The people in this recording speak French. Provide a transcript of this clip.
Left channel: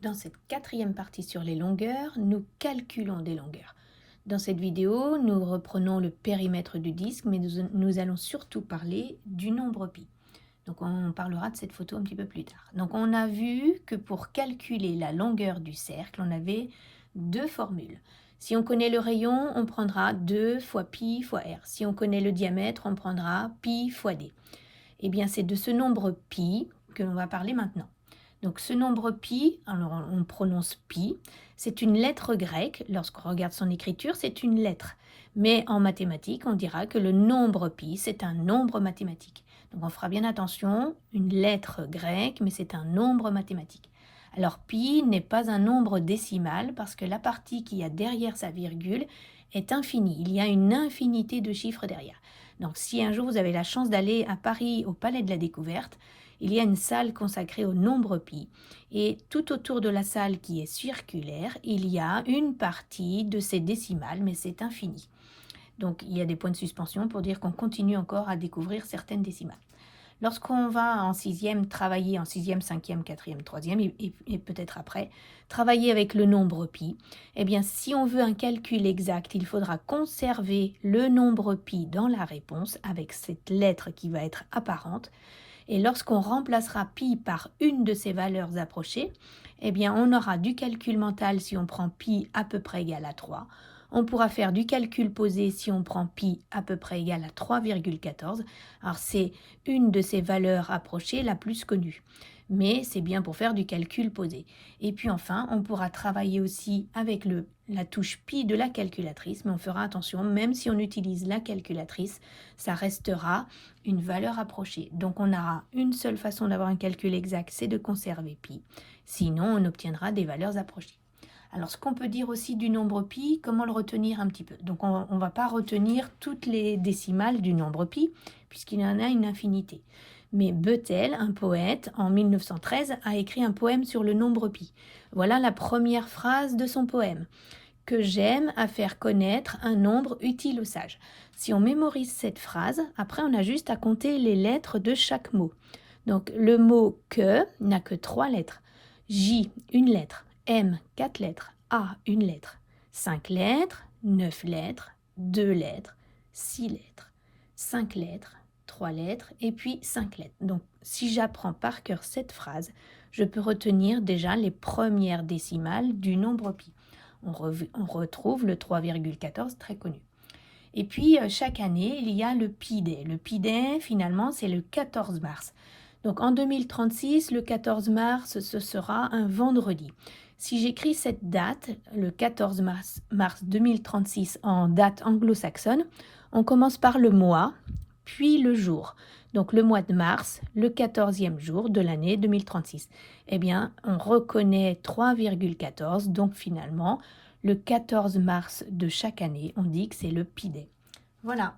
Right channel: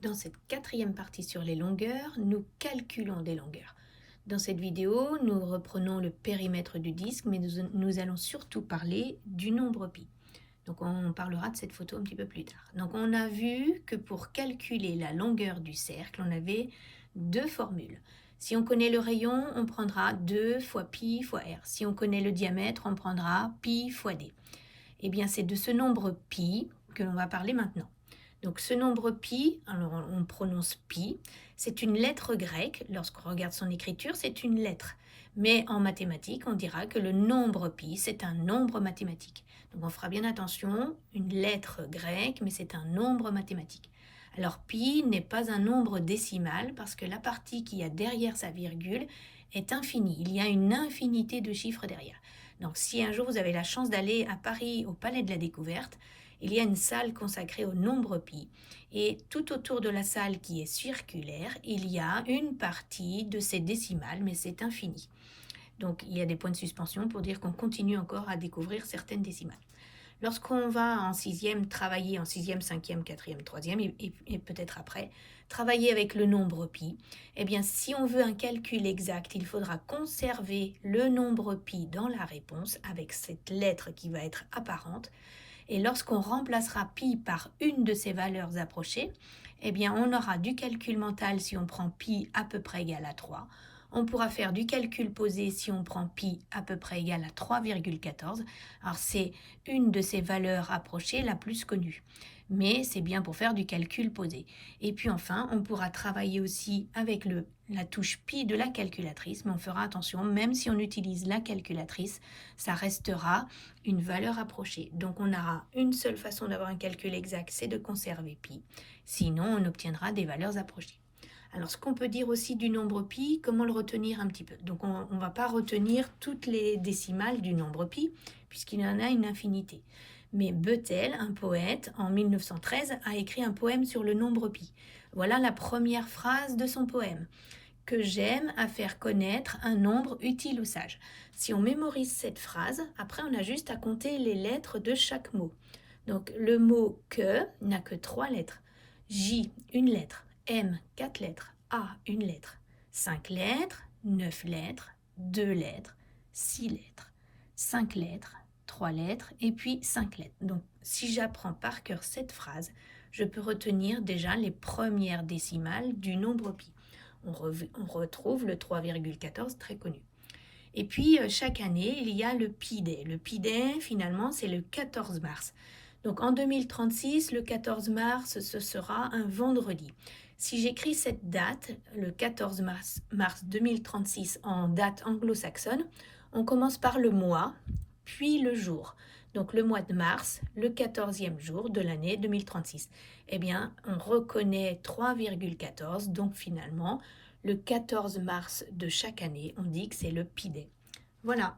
Dans cette quatrième partie sur les longueurs, nous calculons des longueurs. Dans cette vidéo, nous reprenons le périmètre du disque, mais nous allons surtout parler du nombre pi. Donc on parlera de cette photo un petit peu plus tard. Donc on a vu que pour calculer la longueur du cercle, on avait deux formules. Si on connaît le rayon, on prendra 2 fois pi fois r. Si on connaît le diamètre, on prendra pi fois d. Eh bien c'est de ce nombre pi que l'on va parler maintenant. Donc ce nombre pi, alors on prononce pi, c'est une lettre grecque. Lorsqu'on regarde son écriture, c'est une lettre. Mais en mathématiques, on dira que le nombre pi, c'est un nombre mathématique. Donc on fera bien attention, une lettre grecque, mais c'est un nombre mathématique. Alors pi n'est pas un nombre décimal parce que la partie qu'il y a derrière sa virgule est infinie. Il y a une infinité de chiffres derrière. Donc si un jour vous avez la chance d'aller à Paris au Palais de la Découverte, il y a une salle consacrée au nombre pi. Et tout autour de la salle qui est circulaire, il y a une partie de ces décimales, mais c'est infini. Donc il y a des points de suspension pour dire qu'on continue encore à découvrir certaines décimales. Lorsqu'on va en sixième travailler en sixième, cinquième, quatrième, troisième et peut-être après, travailler avec le nombre pi, eh bien si on veut un calcul exact, il faudra conserver le nombre pi dans la réponse avec cette lettre qui va être apparente. Et lorsqu'on remplacera pi par une de ces valeurs approchées, eh bien on aura du calcul mental si on prend pi à peu près égal à 3. On pourra faire du calcul posé si on prend pi à peu près égal à 3,14. Alors c'est une de ces valeurs approchées la plus connue. Mais c'est bien pour faire du calcul posé. Et puis enfin, on pourra travailler aussi avec la touche pi de la calculatrice, mais on fera attention, même si on utilise la calculatrice, ça restera une valeur approchée. Donc on aura une seule façon d'avoir un calcul exact, c'est de conserver pi. Sinon, on obtiendra des valeurs approchées. Alors, ce qu'on peut dire aussi du nombre pi, comment le retenir un petit peu. Donc, on ne va pas retenir toutes les décimales du nombre pi, puisqu'il y en a une infinité. Mais Beutel, un poète, en 1913, a écrit un poème sur le nombre pi. Voilà la première phrase de son poème. Que j'aime à faire connaître un nombre utile aux sages. Si on mémorise cette phrase, après on a juste à compter les lettres de chaque mot. Donc le mot que n'a que 3 lettres. J, une lettre. M, 4 lettres. A, une lettre. 5 lettres, 9 lettres, 2 lettres, 6 lettres, 5 lettres, 3 lettres et puis 5 lettres. Donc si j'apprends par cœur cette phrase, je peux retenir déjà les premières décimales du nombre pi. On retrouve le 3,14 très connu. Et puis, chaque année, il y a le Pi Day. Le Pi Day, finalement, c'est le 14 mars. Donc, en 2036, le 14 mars, ce sera un vendredi. Si j'écris cette date, le 14 mars 2036, en date anglo-saxonne, on commence par le mois, puis le jour. Donc, le mois de mars, le 14e jour de l'année 2036. Eh bien, on reconnaît 3,14, donc finalement, le 14 mars de chaque année, on dit que c'est le Pi Day. Voilà.